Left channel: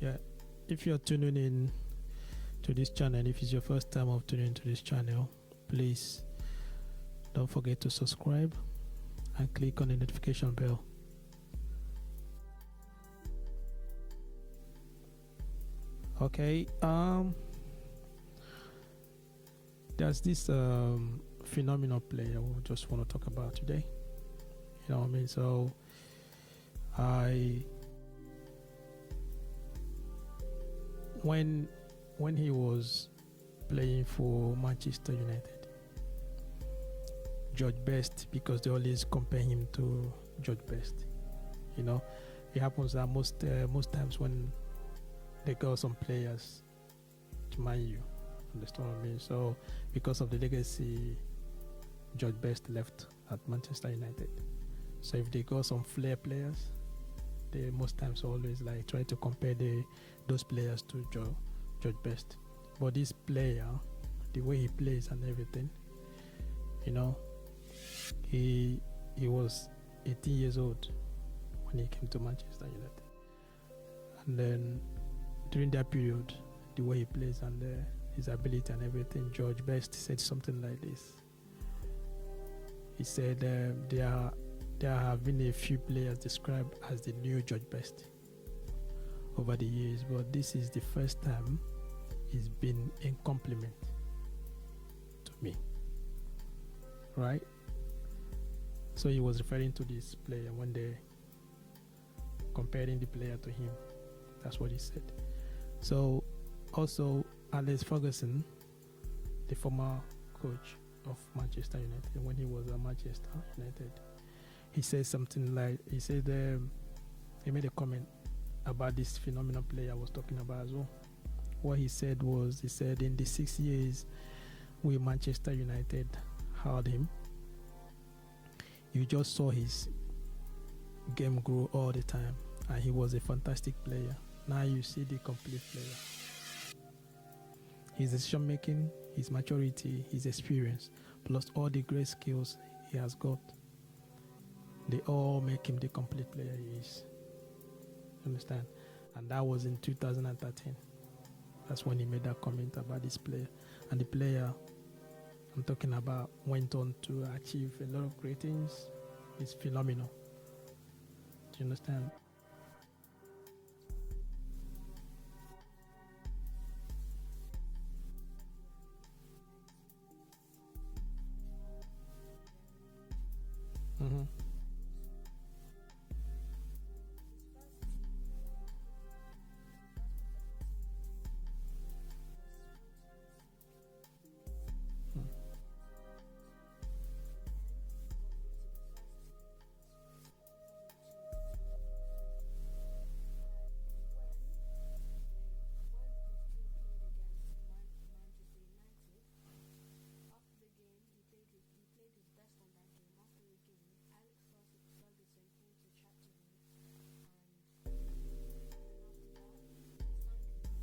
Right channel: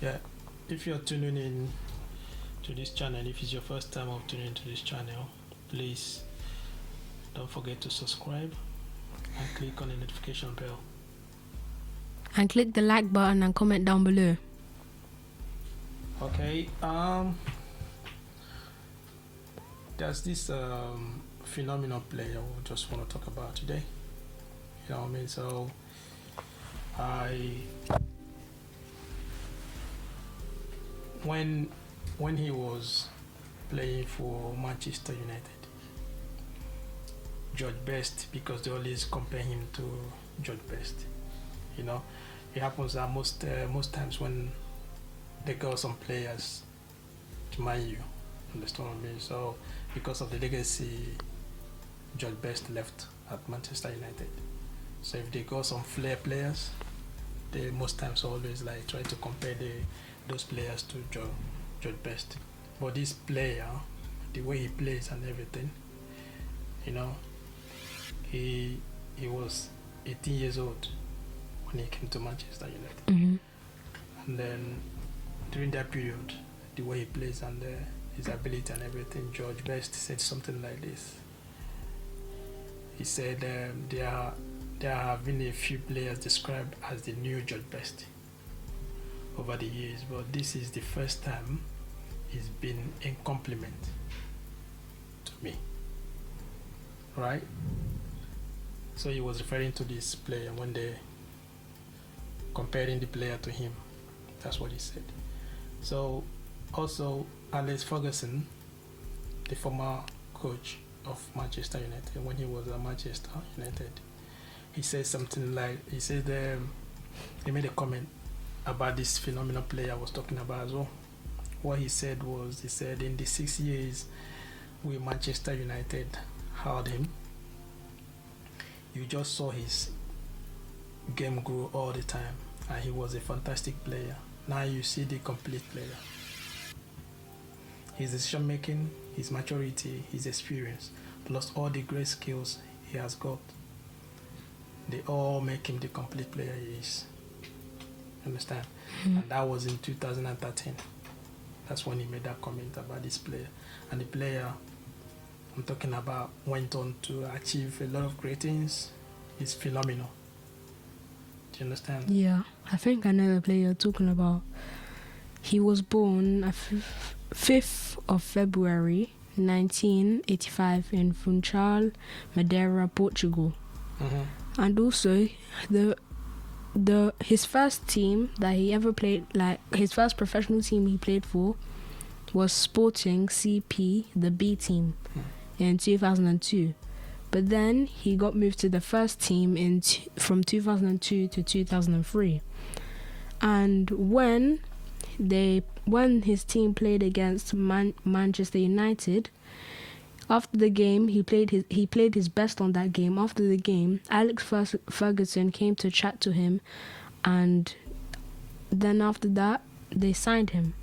Yeah, if you're tuning in to this channel, if it's your first time of tuning into this channel, please don't forget to subscribe and click on the notification bell. And click the like button and comment down below. Okay, there's this phenomenal player we just want to talk about today. You know what I mean? So when he was playing for Manchester United, George Best, because they always compare him to George Best. You know, it happens that most times when they got some players to ManU, understand what I mean? So because of the legacy George Best left at Manchester United, so if they got some flair players, they most times always like try to compare those players to George Best. But this player, the way he plays and everything, you know, he was 18 years old when he came to Manchester United. Mm-hmm. And then during that period, the way he plays and his ability and everything, George Best said something like this. He said there have been a few players described as the new George Best over the years, but this is the first time he's been in compliment to me, right? So he was referring to this player when they comparing the player to him. That's what he said. So also Alex Ferguson, the former coach of Manchester United, when he was at Manchester United, he said something like, he said he made a comment about this phenomenal player I was talking about as well. What he said was, he said in the 6 years with Manchester United had him, you just saw his game grow all the time, and he was a fantastic player. Now you see the complete player. His decision making, his maturity, his experience, plus all the great skills he has got, they all make him the complete player he is. Understand? Mm-hmm. And that was in 2013. That's when he made that comment about this player. And the player I'm talking about went on to achieve a lot of great things. He's phenomenal. Do you understand? Yeah, I think I know the player you're talking about. He was born 5th of February 1985 in Funchal, Madeira, Portugal. Mm-hmm. And also his first team that he ever played, like his first professional team he played for, was Sporting CP, the B team, in 2002. But then he got moved to the first team from 2002 to 2003. And when his team played against Manchester United, after the game, he played his best on that game. After the game, Alex Ferguson came to chat to him, and then after that, they signed him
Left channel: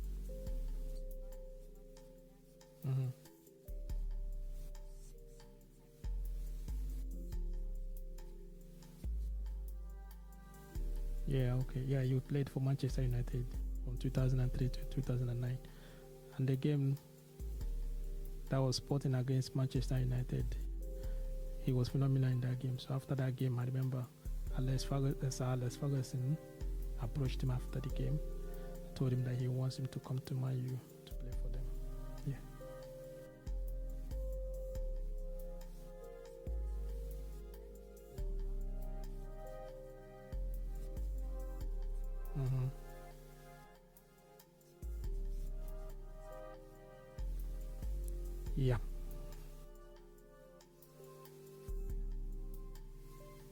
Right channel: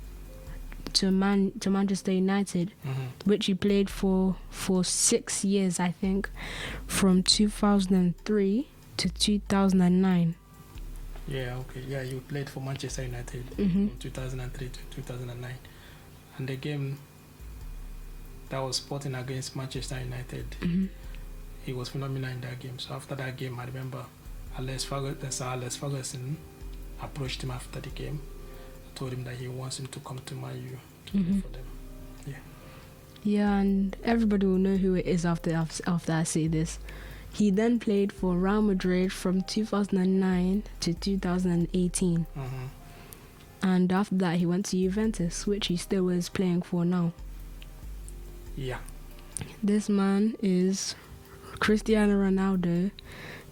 to Manchester United, mm-hmm. which he played for 6 years, I think, from 2003 to 2009. Yeah, okay. Yeah, you played for Manchester United, mm-hmm. from 2003 to 2009. And the game that was Sporting against Manchester United, mm-hmm. he was phenomenal in that game. So after that game, I remember Alex Ferguson approached him after the game, told him that he wants him to come to ManU to mm-hmm. play for them. Yeah. Yeah, and everybody will know who it is after I say this. He then played for Real Madrid from 2009 to 2018. Mm-hmm. And after that, he went to Juventus, which he still is playing for now. Yeah. This man is Cristiano Ronaldo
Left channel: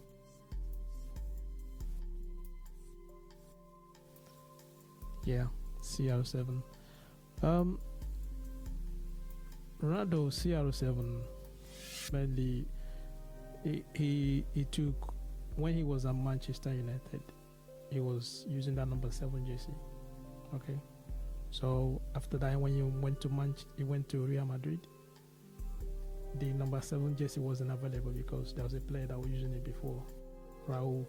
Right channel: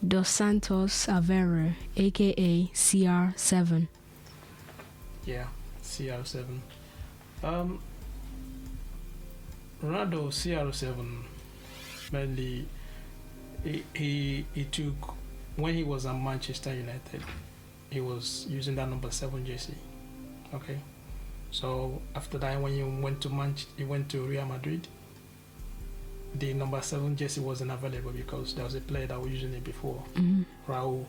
dos Santos Aveiro, aka CR7. Yeah, CR7. Ronaldo CR7 mainly he took, when he was at Manchester United, he was using that number 7 jersey. Okay. So after that, when he went to Real Madrid, the number 7 jersey wasn't available because there was a player that was using it before. Mm-hmm. Raul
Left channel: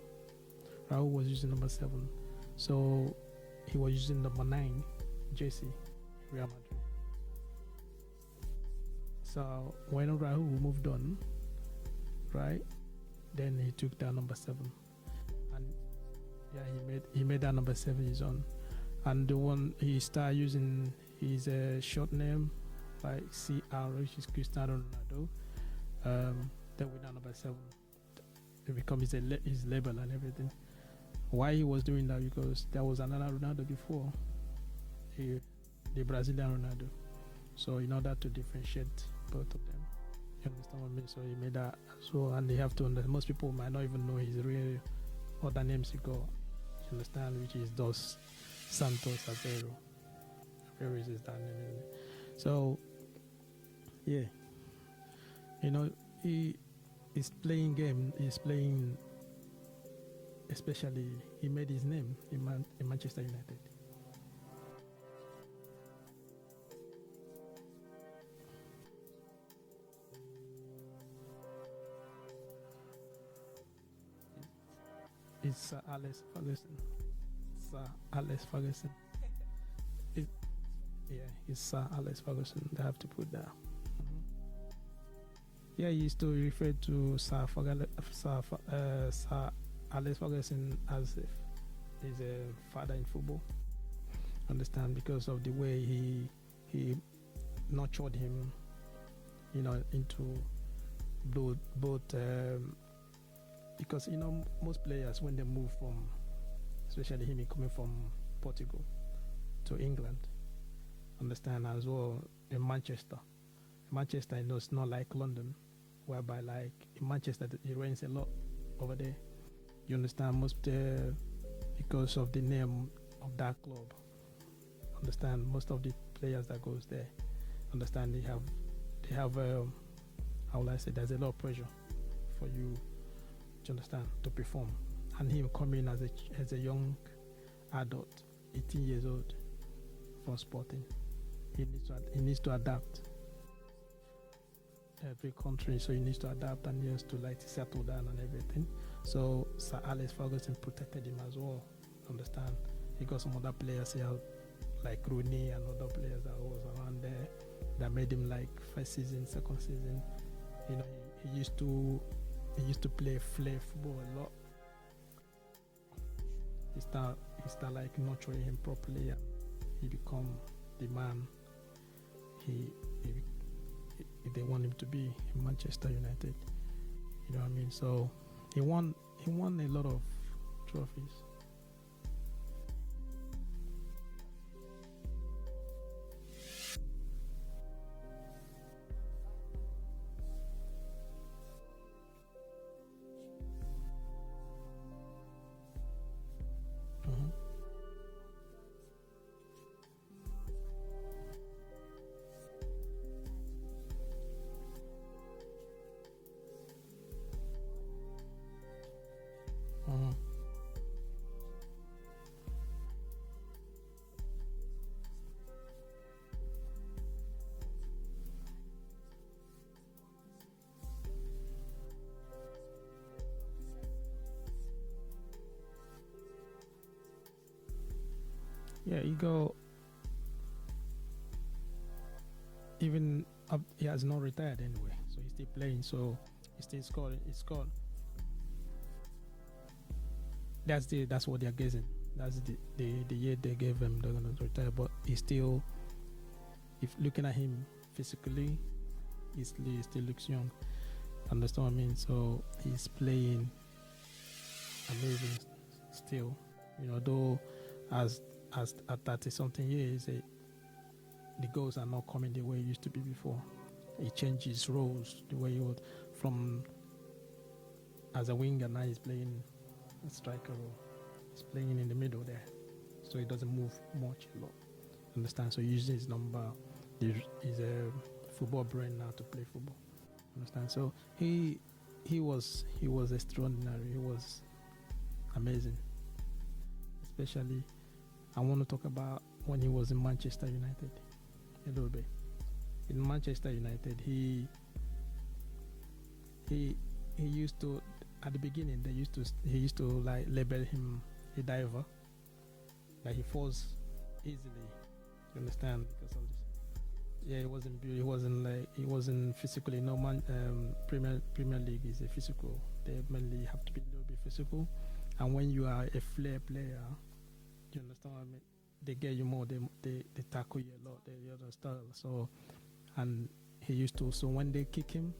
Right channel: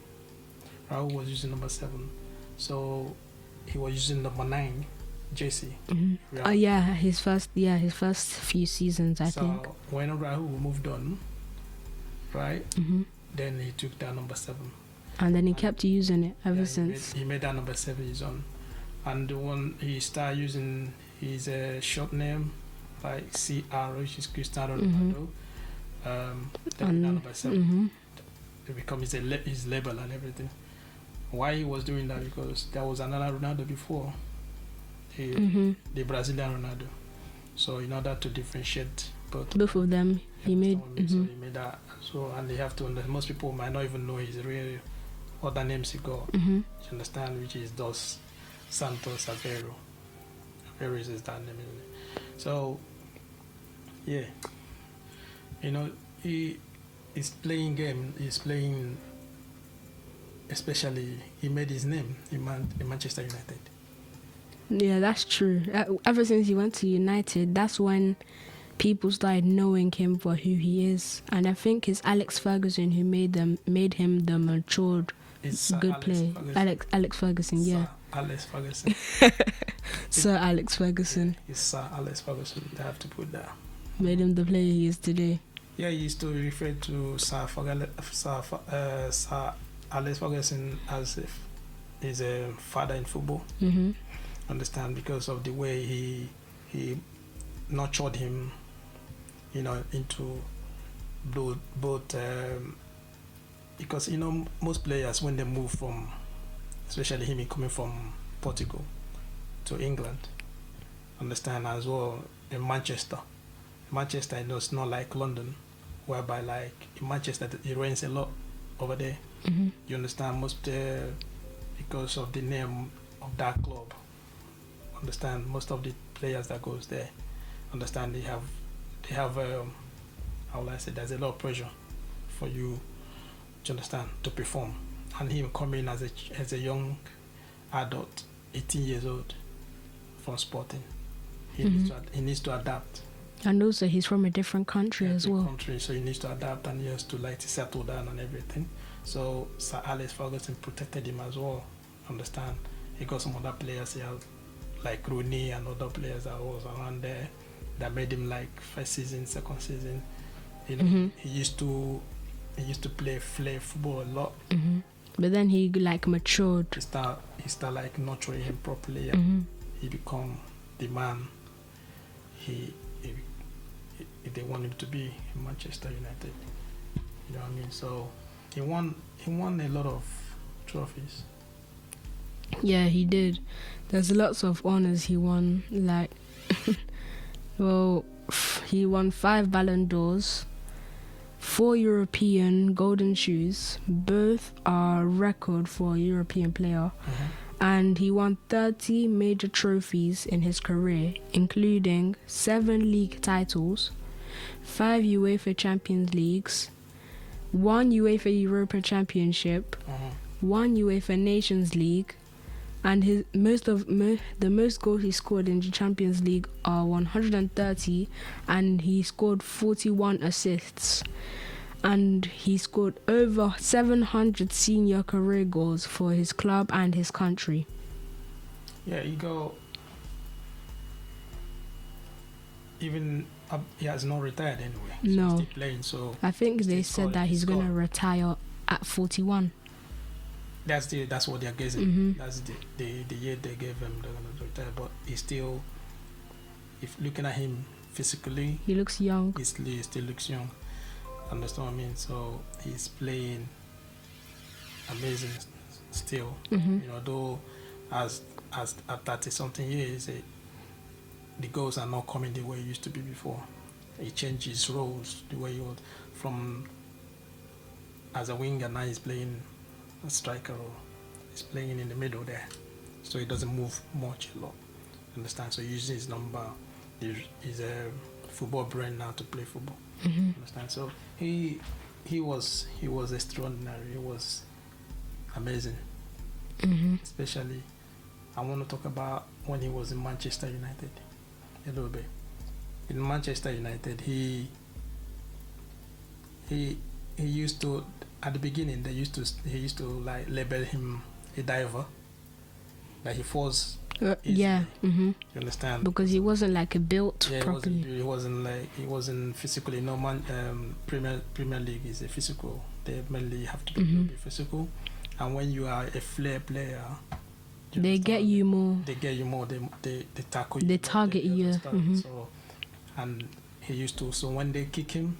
was using number 7. So he was using number 9 jersey. Oh yeah, his first few seasons, I think. So when Rahul moved on, right? Then he took that number 7. And then he kept using it ever Yeah, since. He made that number 7 his own. And the one he started using his short name, like CR, which is Cristiano Ronaldo. Then that number 7. It becomes his label and everything. Why he was doing that? Because there was another Ronaldo before, the Brazilian Ronaldo. So in order to differentiate both of them, he made. So he made that. So and they have to. Most people might not even know his real other names he got. You understand? Which is Dos Santos Aveiro. Aveiro is that name, isn't it? So yeah, you know, he's playing game. He's playing. Especially, he made his name in Manchester United. Yeah, that's true. Ever since he went to United, that's when people started knowing him for who he is. And I think it's Alex Ferguson who made him the matured, good player. Alex Ferguson, yeah. Alex Ferguson. Sir Alex Ferguson. It's Sir Alex Ferguson. They have to put that. Made him the player he is today. Yeah, he used to refer to Sir Alex Ferguson as if he's a father in football. Understand, because of the way he nurtured him, you know, into both because you know most players when they move from, especially him coming from Portugal to England, understand, as well in Manchester, you know, it's not like London, whereby like in Manchester it rains a lot over there. You understand, most because of the name of that club, understand, most of the players that goes there, understand, they have how will I say, there's a lot of pressure for you to understand to perform, and him coming as a young adult, 18 years old, from Sporting, he needs to adapt. And also he's from a different country as well. So he needs to adapt, and he has to like to settle down and everything. So Sir Alex Ferguson protected him as well. Understand? He got some other players here, like Rooney and other players that was around there, that made him like first season, second season. You know, he used to play flair football a lot. But then he like matured. He start like nurturing him properly. He become the man if they want him to be in Manchester United. You know what I mean? So he won a lot of trophies. Yeah, he did. There's lots of honors he won. Like, well, he won 5 Ballon d'Ors, 4 European Golden Shoes. Both are record for a European player. And he won 30 major trophies in his career, including 7 league titles, 5 UEFA Champions Leagues, 1 UEFA Europa Championship, 1 UEFA Nations League, and the most goals he scored in the Champions League are 130, and he scored 41 assists. And he scored over 700 senior career goals for his club and his country. Yeah, he has not retired anyway. So no, he's still playing. So I think they said that he's gonna retire at 41. That's what they're guessing. That's the year they gave him. They're gonna retire, but he's still. If looking at him physically, he looks young. He still looks young. Understand what I mean? So he's playing amazing still. You know, though as at 30 something years, the goals are not coming the way it used to be before. He changed his roles the way he was from as a winger. Now he's playing a striker, or he's playing in the middle there, so he doesn't move much a lot. Understand? So he uses his number. He's a football brain now to play football. Understand? So he was extraordinary. He was amazing. Especially, I want to talk about when he was in Manchester United a little bit. In Manchester United, he used to, at the beginning he used to like label him a diver. Like he falls. Yeah. Mm-hmm. You understand? Because he wasn't like built properly. He wasn't physically. No man. Premier League is a physical. They mainly have to be physical, and when you are a flair player, they get you more. They get you more. They tackle you. They target you. So, and he used to. So when they kick him,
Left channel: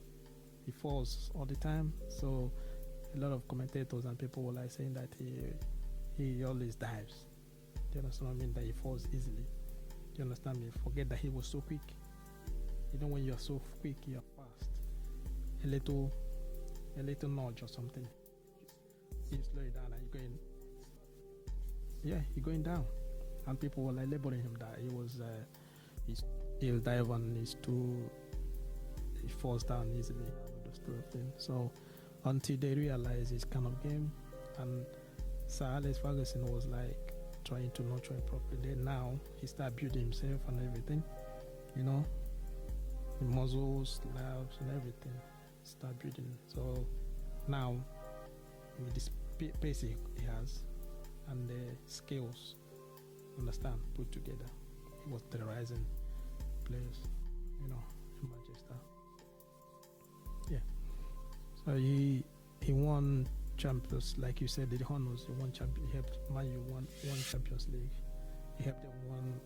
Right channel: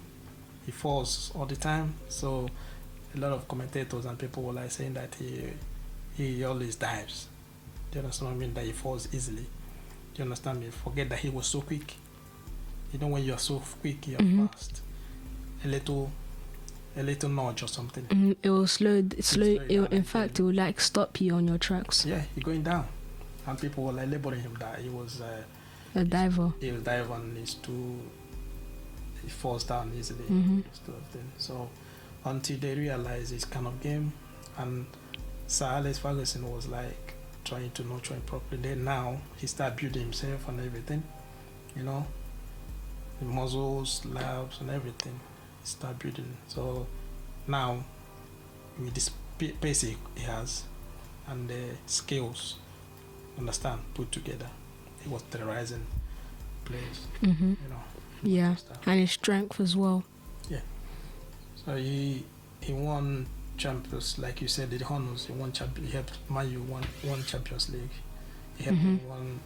he falls all the time. So a lot of commentators and people were like saying that he always dives. Do you understand what I mean? That he falls easily. Do you understand me? Forget that he was so quick. You know, when you are so quick, you are fast. A little nudge or something. It will slow. In fact, it will like stop you on your tracks. Yeah, you're going down, and people were like labeling him that he was a diver. He'll dive and he falls down easily. Sort of thing. So until they realize it's kind of game, and Sir Alex Ferguson was like trying to nurture him properly. Then now he started building himself and everything, you know, the muscles, labs and everything. He started building. So now with this pace he has and the skills, understand, put together, he was terrorizing players. You know. Yeah, and his strength as well. Yeah. So he won champions, like you said, the honors. He won champion. He helped ManU won Champions League. He helped them won.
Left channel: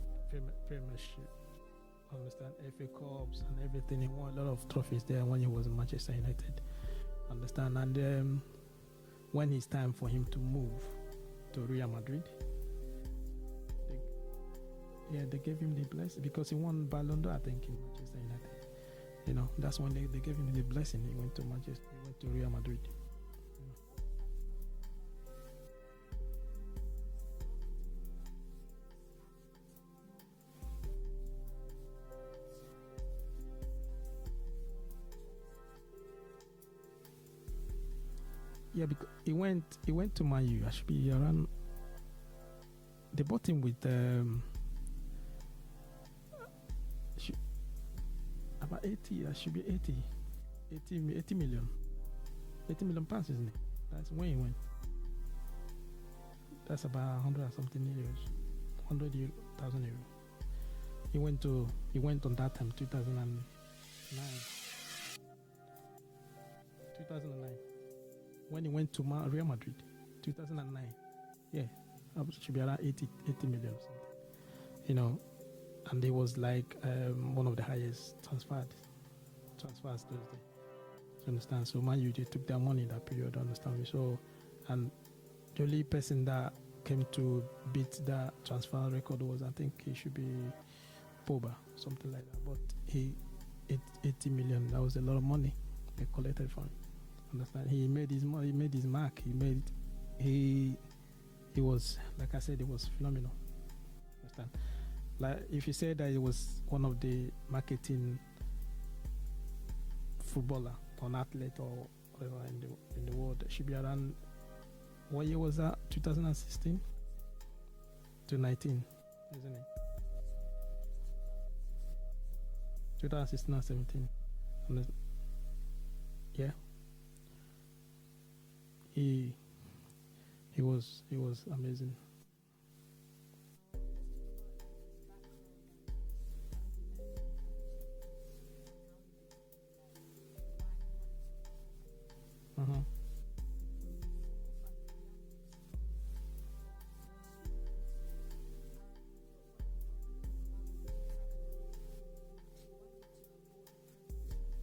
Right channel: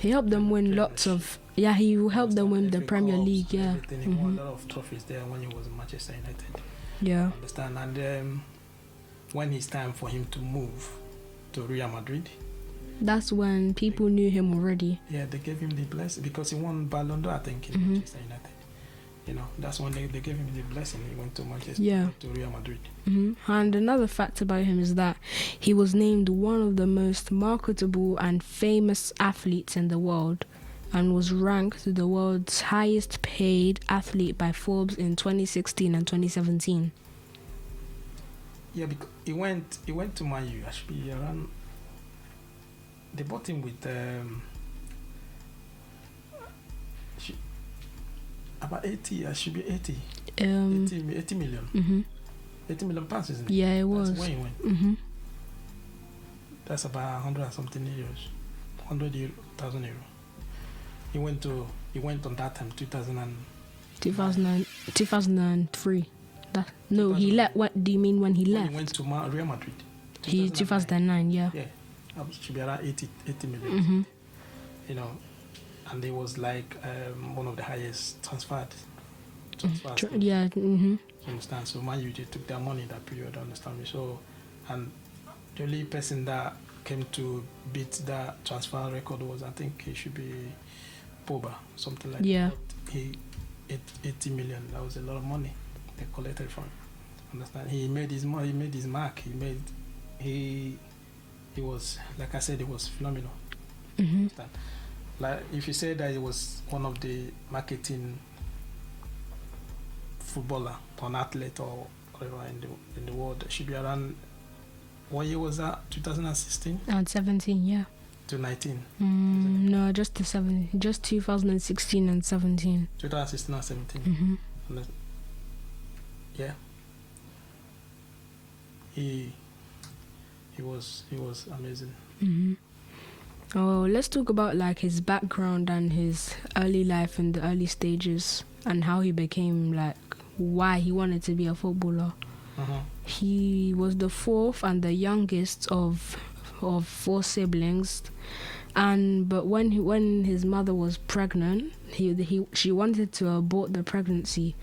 He helped them win lots of. Yeah, he helped them win the Premier League. Yeah. He won a lot of trophies there when he was in Manchester United. Yeah. Understand? And when it's time for him to move to Real Madrid, that's when people knew him already. Yeah, they gave him the blessing because he won Ballon d'Or, I think, in Manchester United. You know, that's when they gave him the blessing. He went to Manchester, to Real Madrid. And another fact about him is that he was named one of the most marketable and famous athletes in the world, and was ranked the world's highest paid athlete by Forbes in 2016 and 2017. Yeah, because he went to ManU. Actually, around. They bought him with about 80. Should be 80. 80 million. 80 million pounds, isn't it? Yeah, it was. That's where he went. That's about 100 and something euros. 100,000 euro. He went on that time 2003. He left. What do you mean when he left? He went to Real Madrid. 2009. Yeah. Yeah. Should be around 80 million. You know, and he was like one of the highest transferred. Yeah. You understand? So ManU took their money that period. Understand me? So, and the only person that came to beat that transfer record was, I think, he should be Pogba, something like that. Yeah. 80 million. That was a lot of money they collected from him. Understand? He made his money. He made his mark. He was, like I said, it was phenomenal. Like if you say that he was one of the marketing footballer or an athlete or whatever in the world, it should be around. What year was that? 2016? And 17, yeah. To 19. No, just 2016 and 17. 2016 and 17. Yeah. He was amazing. Oh, let's talk about like his background and his early life in the early stages and how he became, like, why he wanted to be a footballer. He was the fourth and the youngest of 4 siblings, but when his mother was pregnant, she wanted to abort the pregnancy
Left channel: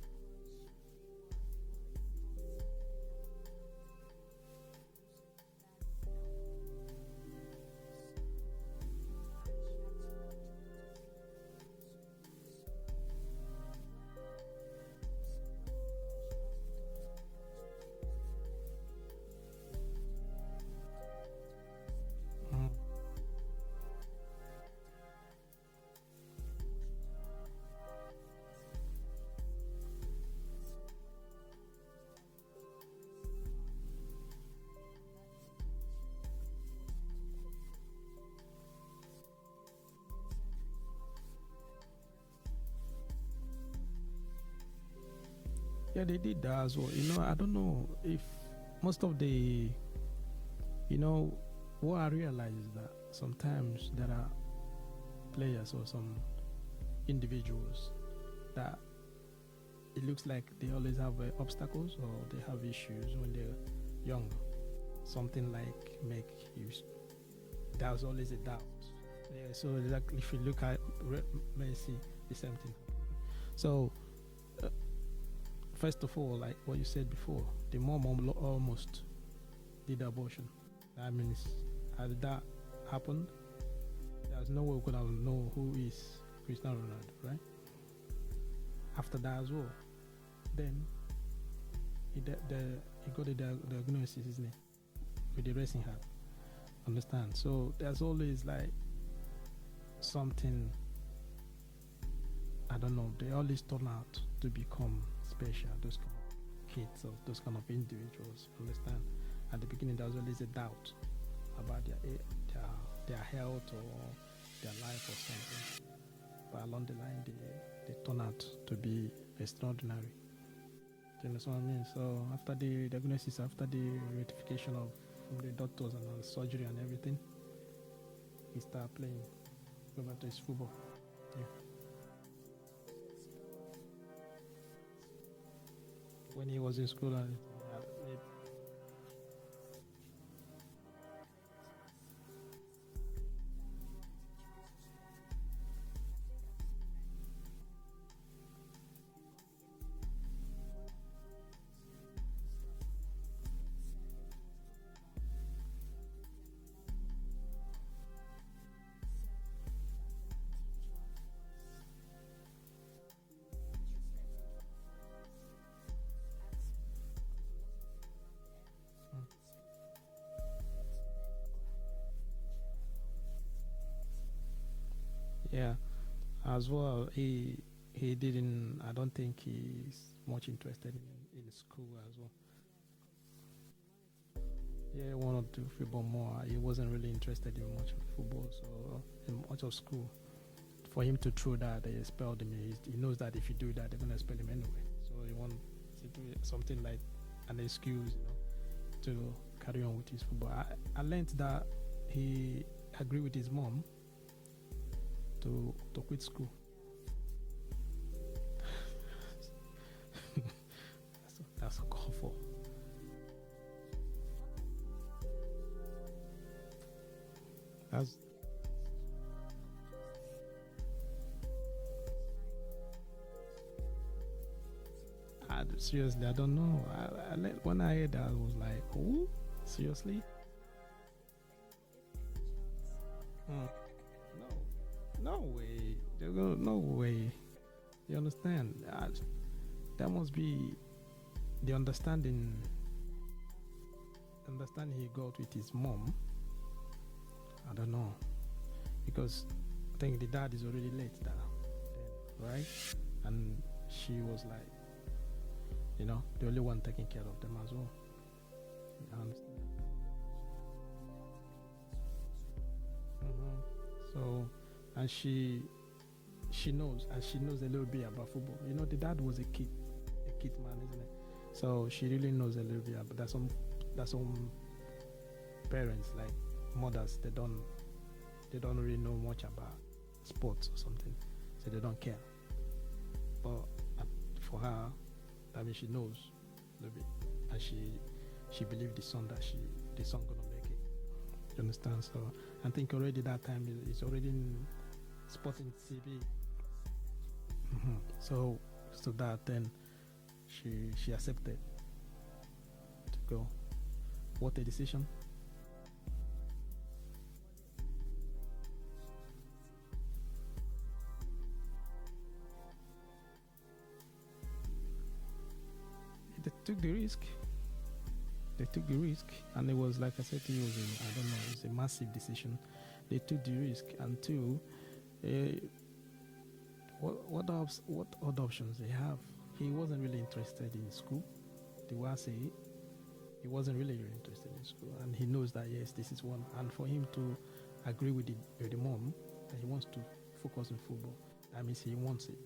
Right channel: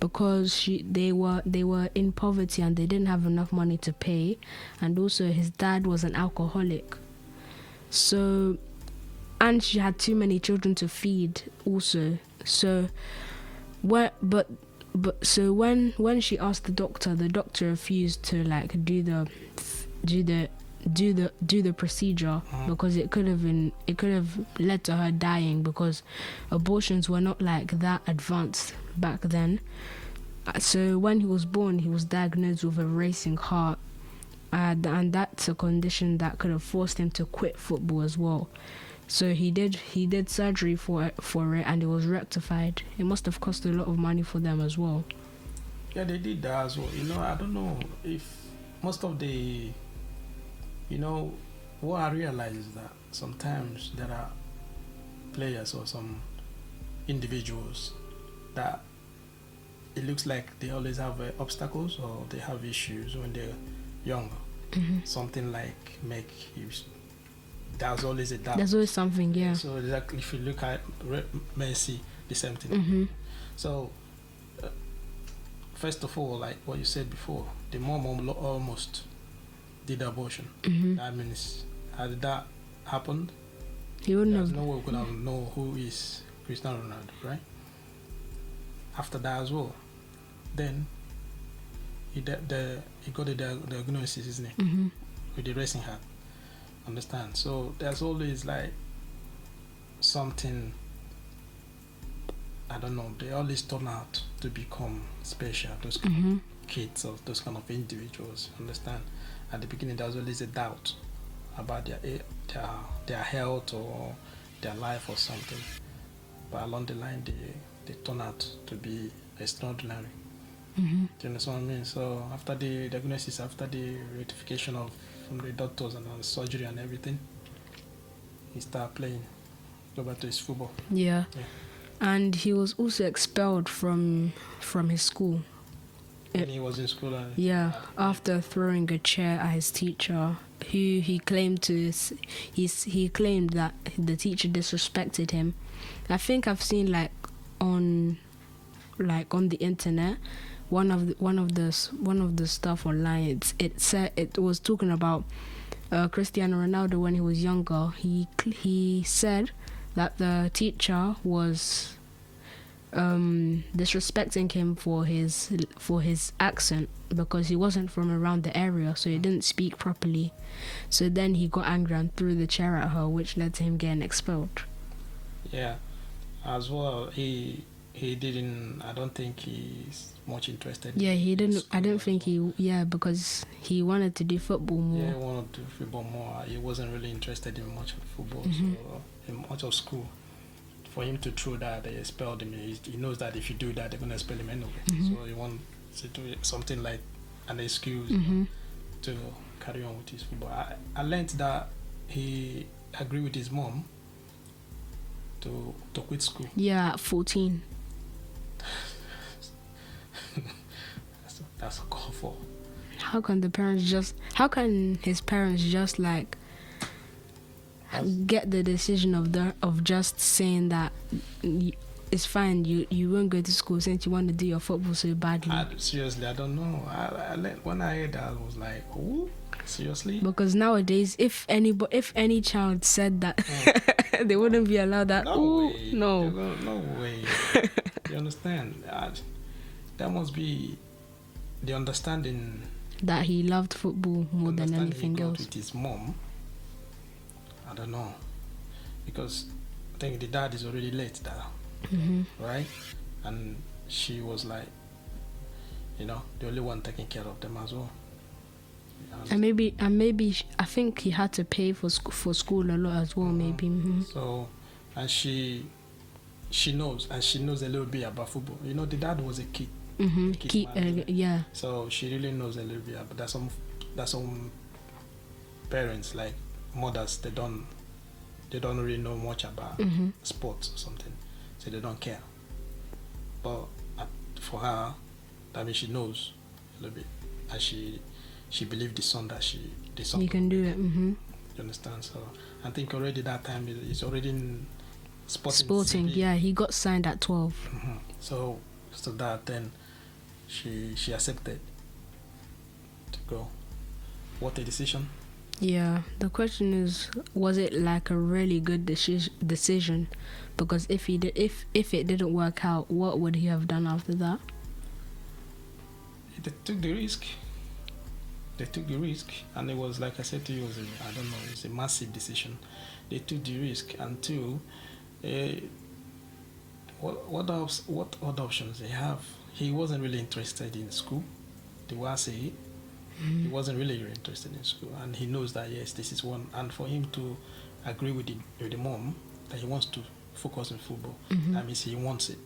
because they were in poverty and they didn't have enough money to pay, and also his dad was an alcoholic. So, and she had too many children to feed also. So, when she asked the doctor refused to like do the procedure because it could have led to her dying, because abortions were not like that advanced back then. So when he was born, he was diagnosed with a racing heart, and that's a condition that could have forced him to quit football as well. So he did surgery for it, and it was rectified. It must have cost a lot of money for them as well. Yeah, they did that as well. You know, I don't know if most of the, you know, what I realize is that sometimes there are players or some individuals that it looks like they always have obstacles or they have issues when they're younger. Something like make you. There's always a doubt. There's always something, yeah. So exactly, if you look at Messi, the same thing. So first of all, like what you said before, the mom almost did abortion. That means had that happened, He wouldn't there's have. no way we could have know who is Cristiano Ronaldo, right? After that as well, then he got the diagnosis, isn't it, with the racing heart. Understand? So there's always like something. I don't know. They always turn out to become special. Those kind of kids or those kind of individuals. Understand? At the beginning, there's always a doubt about their health or their life or something. But along the line, they turn out to be extraordinary. Do you understand what I mean? So after the diagnosis, after the rectification from the doctors and the surgery and everything, he started playing. Go back to his football. Yeah. And he was also expelled from his school. When he was in school. After throwing a chair at his teacher, who he claimed he claimed that the teacher disrespected him. I think I've seen on the internet, one of the stuff online. It was talking about Cristiano Ronaldo when he was younger. He said that the teacher was disrespecting him for his accent because he wasn't from around the area, so he didn't speak properly. So then he got angry and threw the chair at her, which led to him getting expelled. Yeah, as well. He didn't. I don't think he's much interested. Yeah, he didn't. I didn't think well. because he wanted to do football more. Yeah, he wanted to do football more. He wasn't really interested in much of football, so in much of school. For him to throw that, they expelled him. He knows that if you do that, they're gonna expel him anyway. So he wants to do something like an excuse to carry on with his football. I learned that he agreed with his mom to quit school. Yeah, at 14. That's a call for. How can his parents just get the decision of just saying that it's fine, you won't go to school since you want to do your football so badly? Seriously, I don't know. When I heard that, I was like, "Oh, seriously?" Because nowadays, if any child said that, they wouldn't be allowed that. No way. No way. You understand? That must be the understanding that he loved football more than anything else. With his mom, I don't know, because I think the dad is already late now, right? And she was like, the only one taking care of them as well. And maybe I think he had to pay for school a lot as well. Maybe. So, and she knows a little bit about football. The dad was a kid. Yeah. So she really knows a little bit. But there's some parents, like mothers, they don't really know much about sports or something, so they don't care. But for her, that means she knows a little bit, and she believed the son you can do it. You understand? So I think already that time he's already in sporting. Yeah, he got signed at 12. So that then she accepted to go. What a decision. Yeah, the question is, was it like a really good decision? Because if it didn't work out, what would he have done after that? They took the risk. And it was, like I said to you, it's a massive decision. They took the risk, and two, what other options they have? He wasn't really interested in school. The way I say it, he wasn't really interested in school, and he knows that yes, this is one. And for him to agree with the mom that he wants to focus on football, that means he wants it.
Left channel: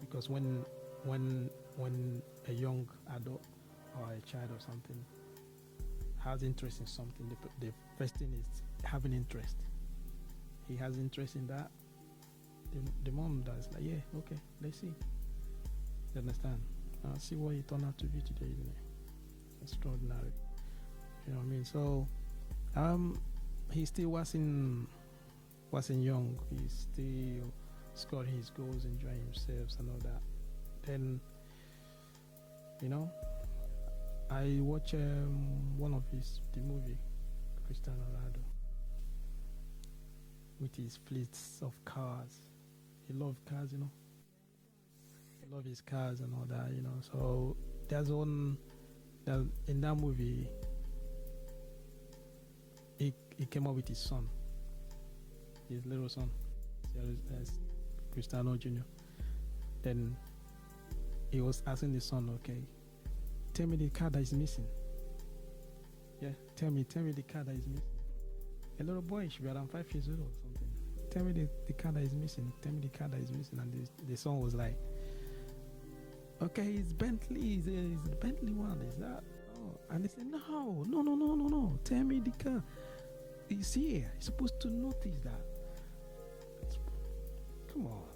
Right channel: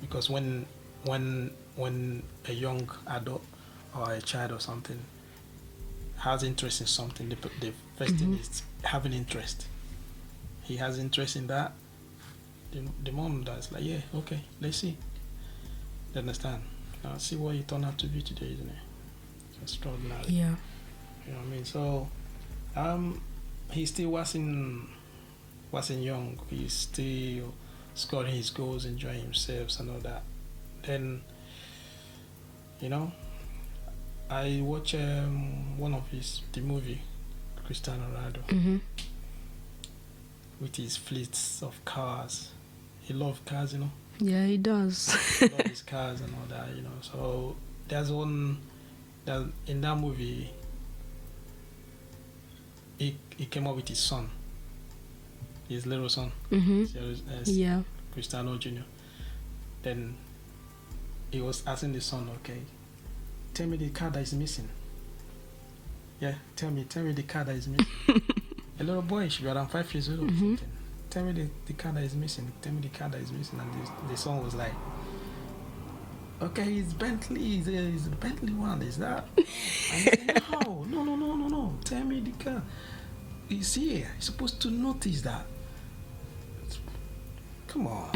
Because when a young adult or a child or something has interest in something, they First thing is having interest. He has interest in that. The mom does like, yeah, okay, let's see. You understand? Now see what you turn out to be today, isn't it? Extraordinary. Yeah. You know what I mean? So, he still wasn't young. He's still scoring his goals, enjoying himself and all that. Then, you know, I watch one of the movie, Cristiano Ronaldo, with his fleets of cars. He loves cars, you know. Yeah, he does. He loves his cars and all that, you know. So there's one that in that movie, he came up with his son, his little son, Yeah. Cristiano Jr. Then he was asking the son, okay, tell me the car that is missing. Yeah, tell me the car that is missing. A little boy, should be around 5 years old or something. Tell me the car that is missing. Tell me the car that is missing. And the son was like, okay, it's Bentley. It's a Bentley one. Is that? And he said, no. Tell me the car. It's here. You're supposed to notice that. Come on.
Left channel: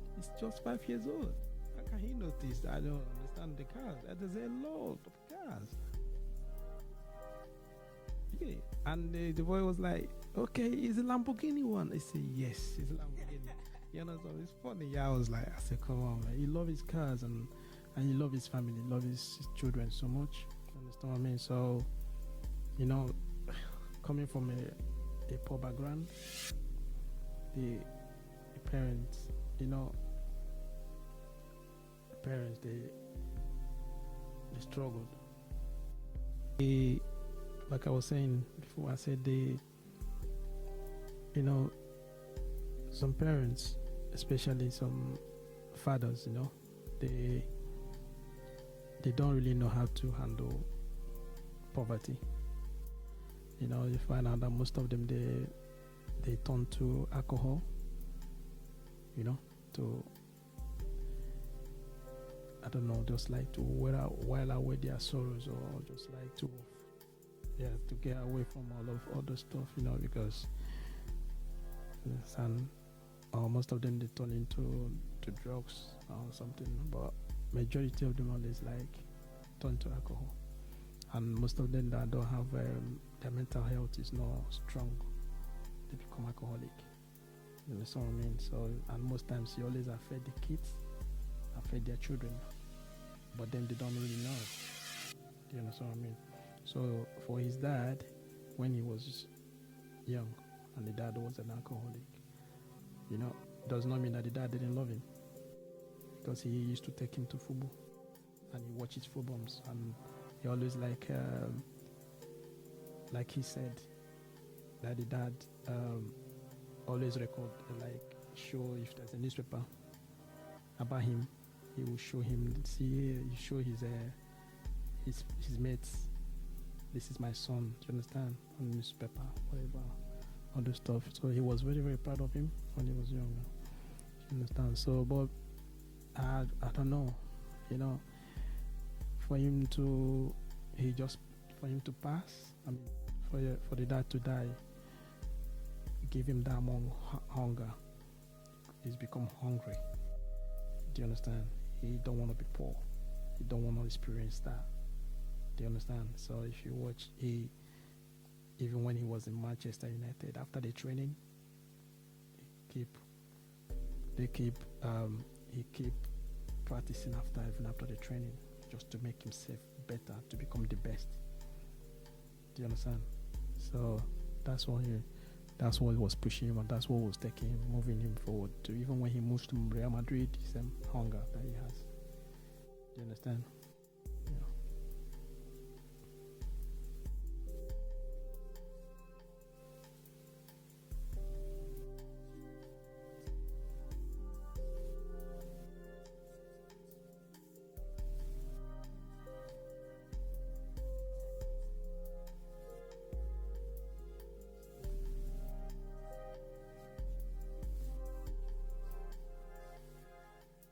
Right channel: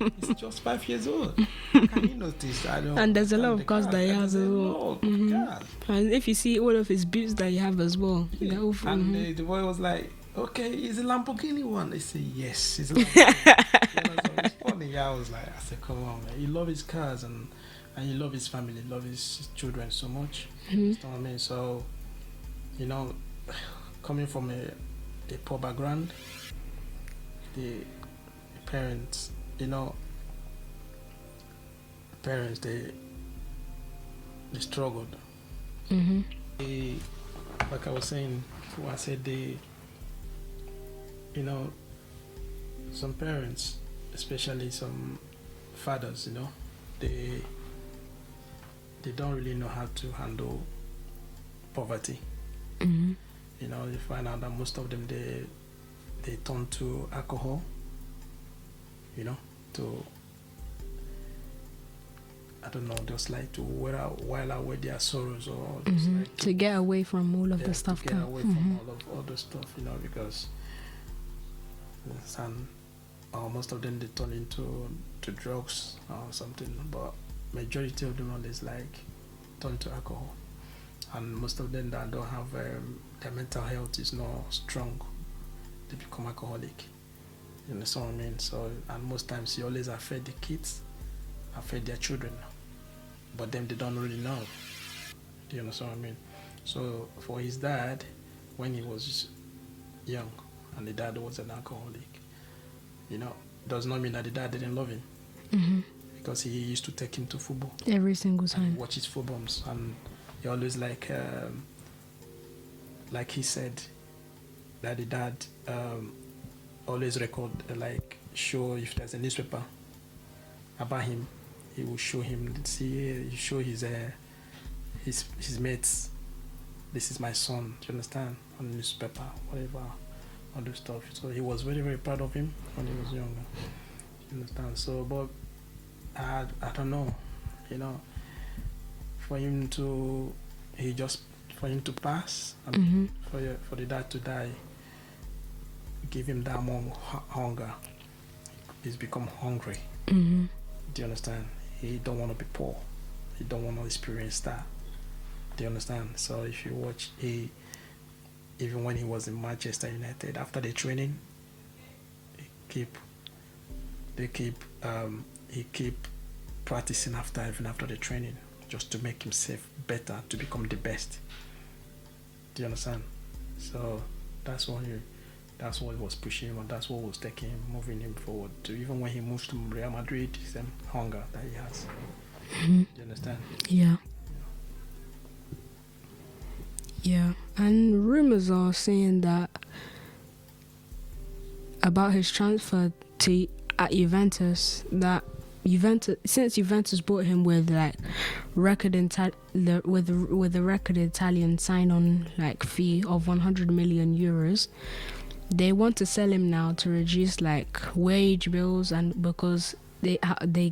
It's just 5 years old. Can you notice that? And there's a lot of cars that he has as well. And if you see all of his boots that he have as well. Yeah. And the boy was like, okay, is it Lamborghini one? They say, yes, it's a Lamborghini. It's funny. I was like, I said, come on, man. You love his cars and you love his family, you love his children so much. You know what I mean? So, you know, coming from a poor background, the parents, you know, they struggled. Like I was saying before, I said you know, some parents, especially some fathers, you know, they don't really know how to handle poverty. You know, you find out that most of them they turn to alcohol, you know, to, I don't know, just like to while away their sorrows, or just like to get away from all of the stuff. To get away from all the stuff, you know, because most of them they turn into drugs or something, but majority of them always like turn to alcohol, and most of them that don't have their mental health is not strong, they become alcoholic. You know what I mean? So, and most times you always affect the kids, affect their children, but them they don't really know. Do you understand what I mean? So for his dad, when he was young, and the dad was an alcoholic, you know, does not mean that the dad didn't love him, because he used to take him to football every single time, and watch his footballs, and he always like he said that the dad always record, like show if there's a newspaper about him, he will show him, show his mates, this is my son, do you understand, on the newspaper, whatever, all those stuff. So he was very, very proud of him when he was younger, you understand. So, but I don't know, you know, for him to pass, for the dad to die, give him that more hunger. He's become hungry. Do you understand? He don't want to be poor. He don't want to experience that. Do you understand? So if you watch, even when he was in Manchester United, after the training, he keep practicing even after the training, just to make himself better, to become the best. Do you understand? So that's what was pushing him, and that's what was taking him, moving him forward. To even when he moves to Real Madrid, same hunger that he has. Do you understand? Yeah, and rumors are saying that about his transfer to Juventus, that since Juventus bought him with like with a record Italian sign-on like fee of 100 million euros, they want to sell him now to reduce like wage bills, and because they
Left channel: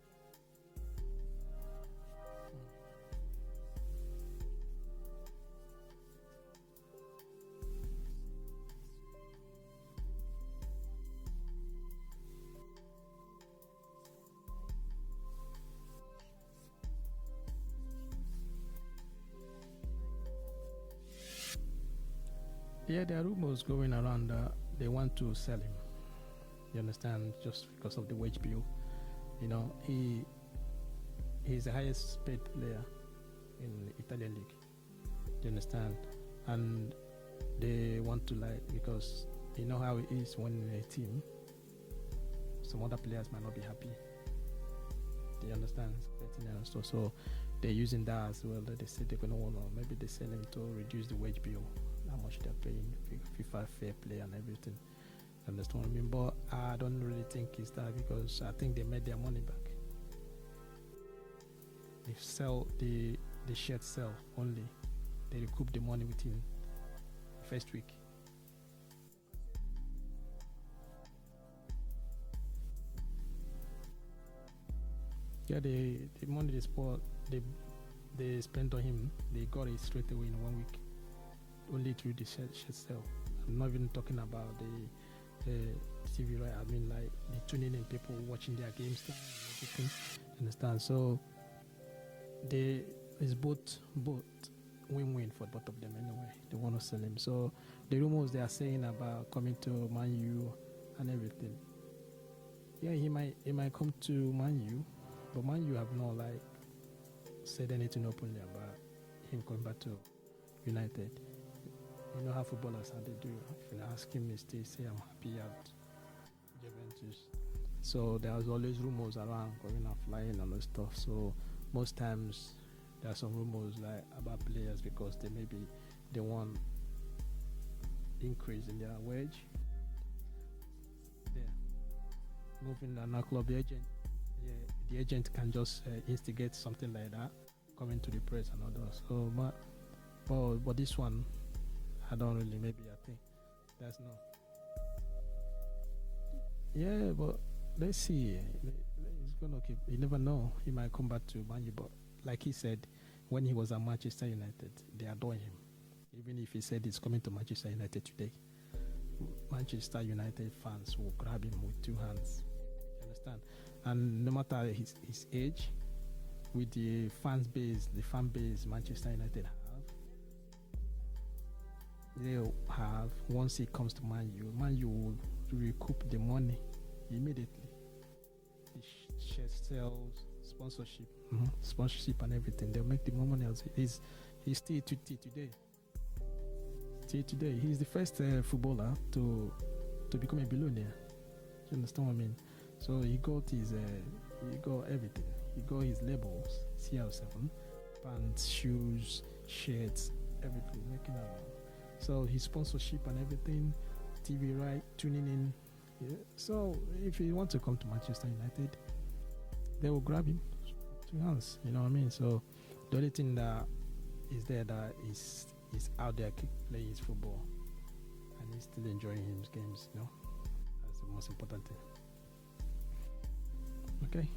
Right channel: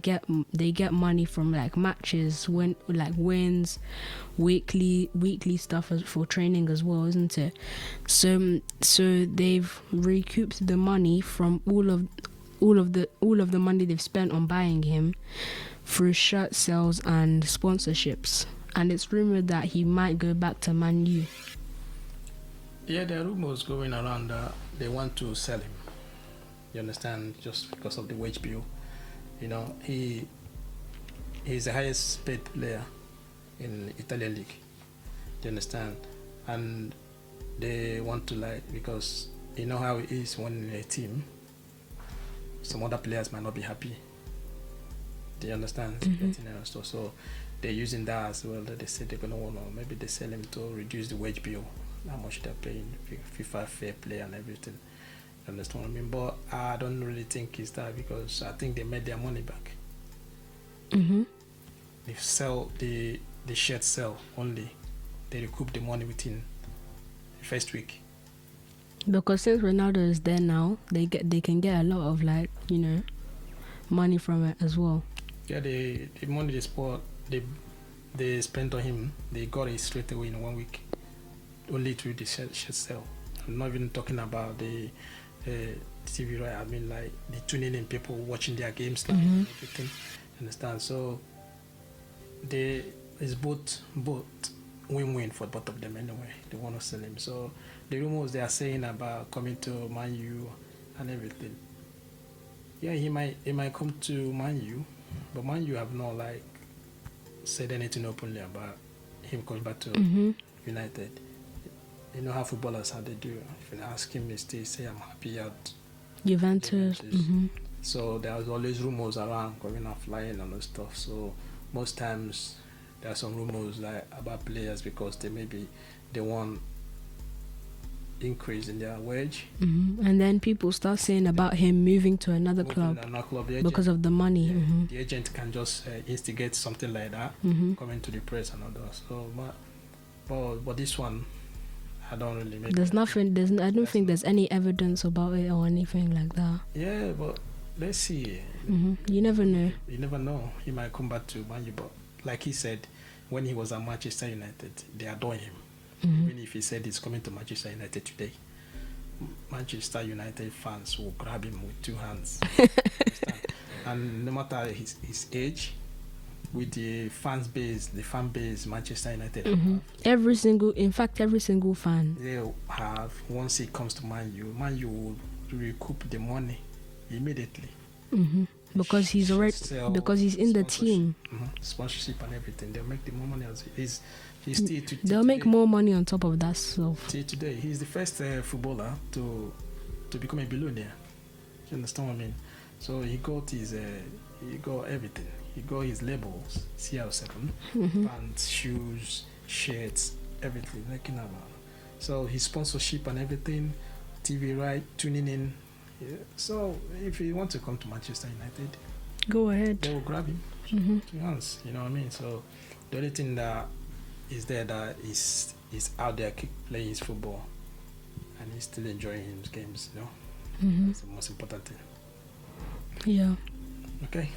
get money from like matches, wins, weekly stuff for training as well, isn't it? So they've recouped the money from all of the money they've spent on buying him through shirt sales and sponsorships, and it's rumored that he might go back to ManU. Yeah, there are rumors going around that they want to sell him. You understand? Just because of the wage bill. You know, he's the highest paid player in Italian league. You understand? And they want to, like, because you know how it is when in a team, some other players might not be happy. Do you understand? So they're using that as well. That they say they're gonna want to, maybe they sell him to reduce the wage bill, how much they're paying, FIFA fair play and everything. You understand what I mean? But I don't really think it's that, because I think they made their money back. They sell the shirt sell only. They recoup the money within the first week. Because since Ronaldo is there now, they can get a lot of, like, you know, money from it as well. Yeah, the money they spent on him, they got it straight away in 1 week, only through the shirt sell. I'm not even talking about the TV, right? I mean, like the tuning in, people watching their games, and everything. Understand? So it's both win-win for both of them anyway. They want to sell him. So the rumors they are saying about coming to ManU and everything. Yeah, he might come to ManU, but ManU have not, like, said anything openly about him coming back to United. You know how footballers, how they do. If you ask him, they say, I'm happy at Juventus. So there's always rumors around going and flying and all stuff. So most times there are some rumors, like, about players, because they want increase in their wage. And then people start saying about him moving to another club because of the money. Yeah, the agent can just instigate something like that, coming to the press and all that. So, but this one, I don't really make. There's nothing. I don't think there's any evidence about it or anything like that. Yeah, but let's see. You never know. You never know. He might come back to ManU, but like he said, when he was at Manchester United, they adore him. Even if he said he's coming to Manchester United today, Manchester United fans will grab him with two hands. And no matter his age, with the fan base Manchester United have, every single fan, they'll have, once he comes to ManU will recoup the money immediately. Because he's already, because he's in the team. Sponsorship and everything, they'll make the more money as he's still they'll make more money on top of that stuff. Till today, he's the first footballer to become a billionaire. You understand what I mean? So he got everything. He got his labels, CR7, pants, shoes, shirts, everything. So his sponsorship and everything, TV right, tuning in. Yeah. So if you want to come to Manchester United, go ahead. They will grab him. Two hands. You know what I mean? So the only thing that is there that is out there, keep playing his football, and he's still enjoying his games. You know, that's the most important thing. Yeah. Okay.